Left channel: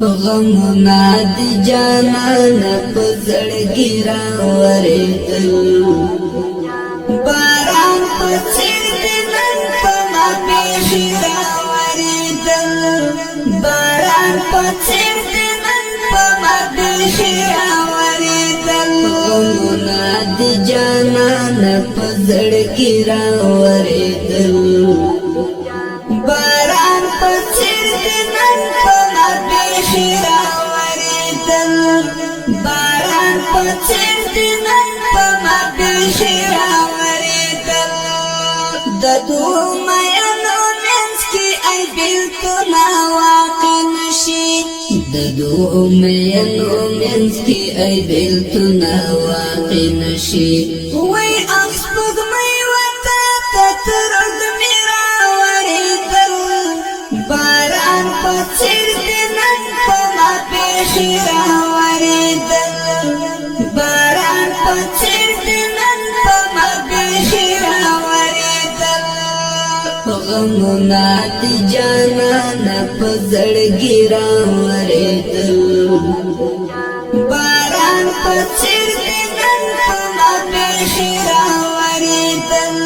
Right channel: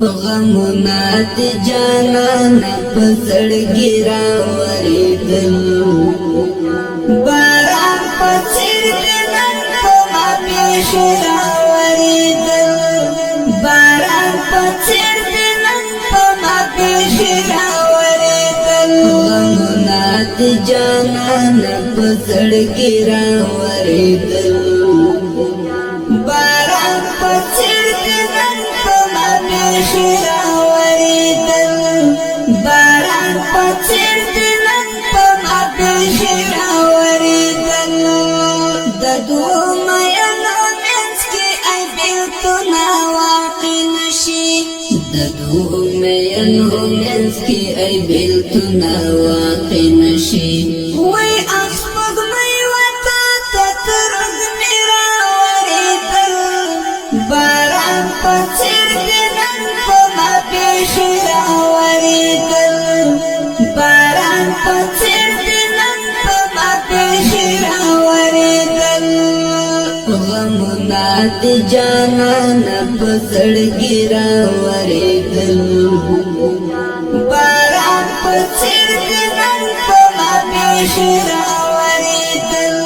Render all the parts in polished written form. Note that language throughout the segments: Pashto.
غمنا د جانان په زړګي راورېدل باران په څېر د نن په ما پېښې راورېدل باران په څېر د نن په ما پېښې راورېدل غمنا د جانان په زړګي راورېدل باران په څېر د نن په ما پېښې راورېدل باران په څېر د نن په ما پېښې راورېدل د دوو میینو منځ کې ای بېلتونه واقع نشي د دوو میینو منځ کې ای بېلتونه واقع نشي وای اخ سپوږمۍ وتا ته ترږ مې راورېدل باران په څېر د نن په ما پېښې راورېدل باران په څېر د نن په ما پېښې راورېدل غمنا د جانان په زړګي راورېدل باران په څېر د نن په ما پېښې راورېدل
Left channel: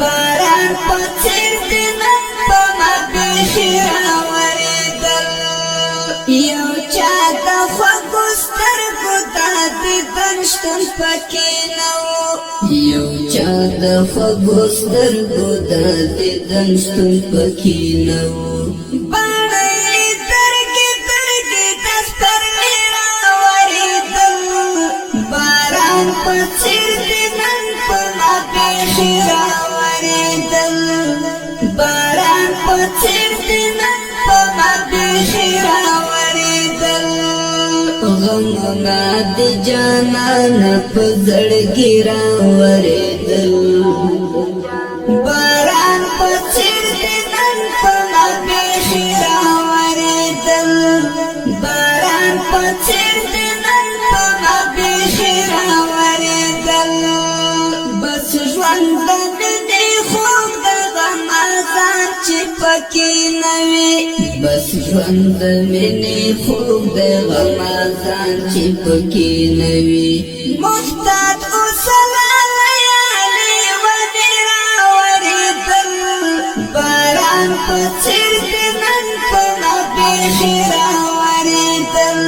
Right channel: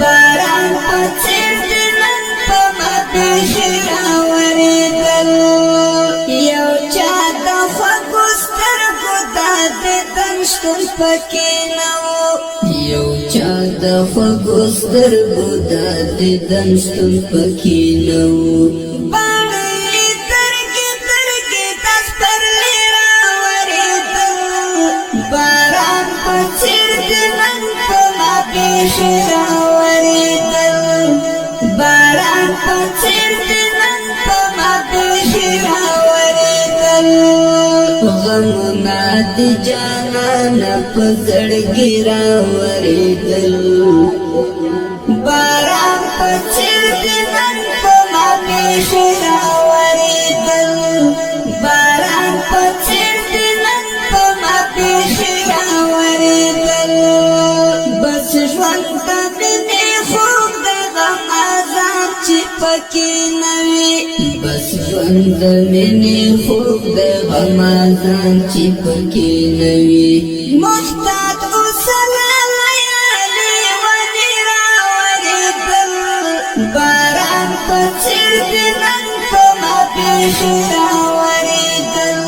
باران په څېر د نن په ما پېښې راورېدل یو چا د خوږو سترګو د دیدن شتون پکې نه و یو چا د خوږو سترګو د دیدن شتون پکې نه و باڼه یې درګې درګې د سپرلي راورېدل باران په څېر د نن په ما پېښې راورېدل باران په څېر د نن په ما پېښې راورېدل غمنا د جانان په زړګي راورېدل باران په څېر د نن په ما پېښې راورېدل باران په څېر د نن په ما پېښې راورېدل بس ژوند د مینې خوږ د غمازان چې پکې نه وي بس ژوند د مینې خوږ د غمازان چې پکې نه وي محتاط اوسه لیالي ونې راورېدل باران په څېر د نن په ما پېښې راورېدل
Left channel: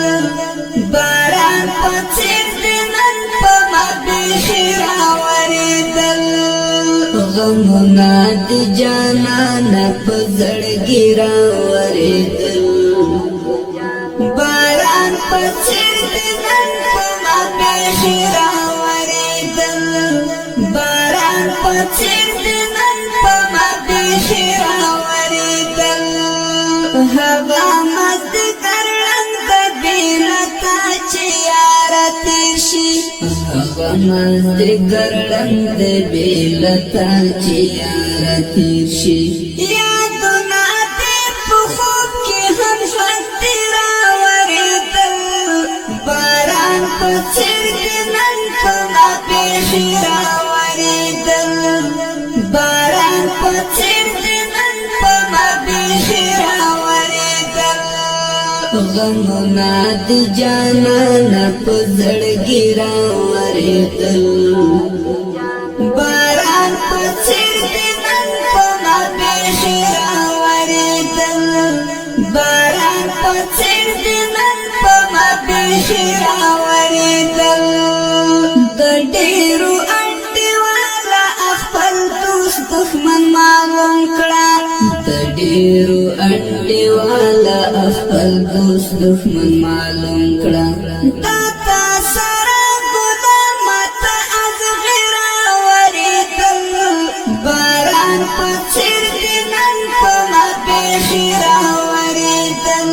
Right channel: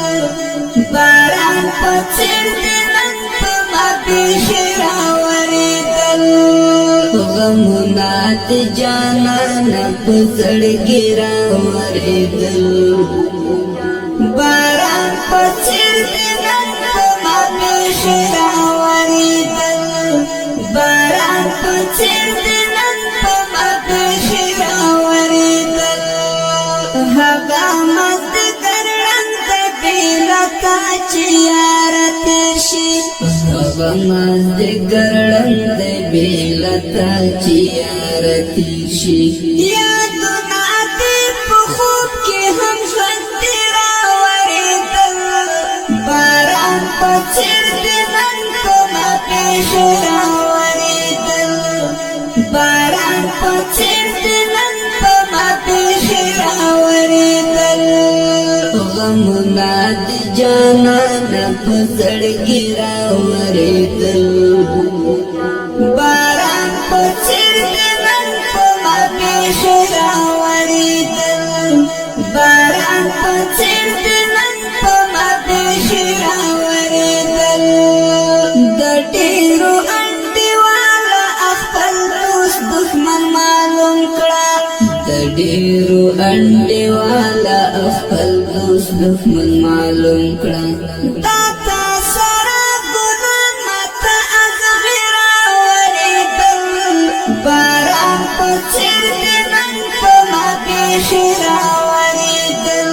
باران په څېر د نن په ما پېښې راورېدل غمنا د جانان په زړګي راورېدل باران په څېر د نن په ما پېښې راورېدل باران په څېر د نن په ما پېښې راورېدل هغه مازدیګر ړنګ د بېلتا چې یاره تېر شي هغه مازدیګر ړنګ د بېلتا چې یاره تېر شي یادونه دې په خوب کې هم ژوندي راورېدل باران په څېر د نن په ما پېښې راورېدل باران په څېر د نن په ما پېښې راورېدل غمنا د جانان په زړګي راورېدل باران په څېر د نن په ما پېښې راورېدل باران په څېر د نن په ما پېښې راورېدل د ډېرو انډیواله خپل دوست دښمن معلوم کړه د ډېرو انډیواله خپل دوست دښمن معلوم کړه تا تا سره ګلان ماته ازغې راورېدل باران په څېر د نن په ما پېښې راورېدل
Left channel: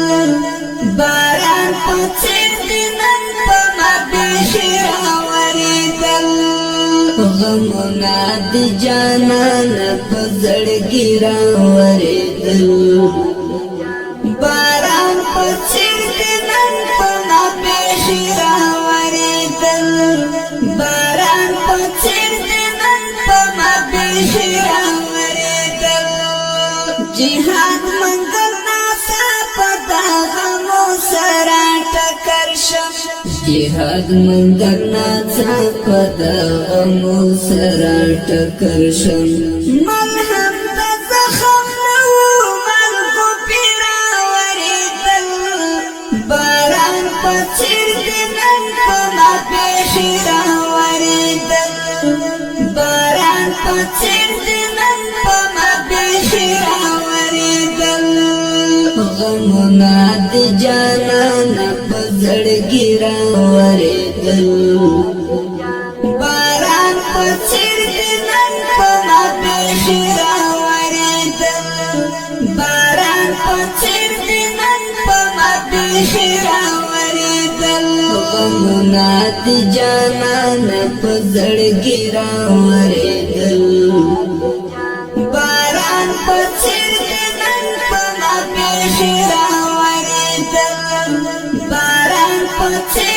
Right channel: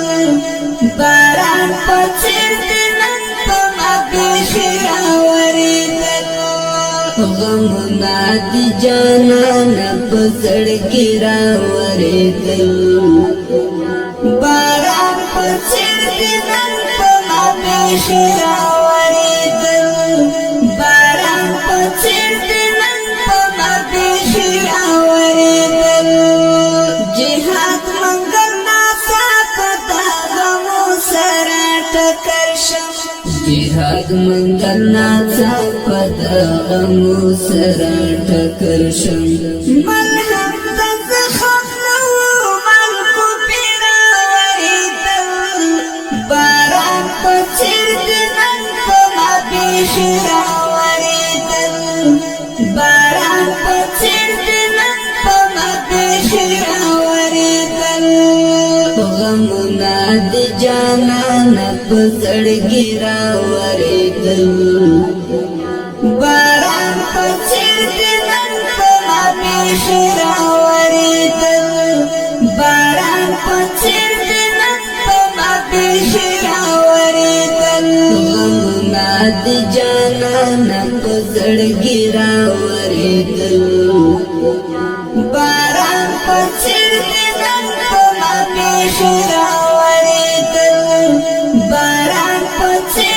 باران په څېر د نن په ما پېښې راورېدل غمنا د جانان په زړګي راورېدل باران په څېر د نن په ما پېښې راورېدل باران په څېر د نن په ما پېښې راورېدل جهاد منګل ناڅاپه د غمو ټکر شم جهاد منګناڅه پدغمو سره ټکر شم ملهم د زخم نو مرغو پیرا وریدل باران په څېر دې نن په ما بیخي راورېدل باران په څېر دې نن په ما بیخي راورېدل غمونه د جانانه په زړګي راورېدل باران په څېر دې نن په ما بیخي راورېدل باران په څېر دې نن په ما بیخي راورېدل غمونه د جانانه په زړګي راورېدل باران په څېر دې نن په ما بیخي راورېدل باران په څېر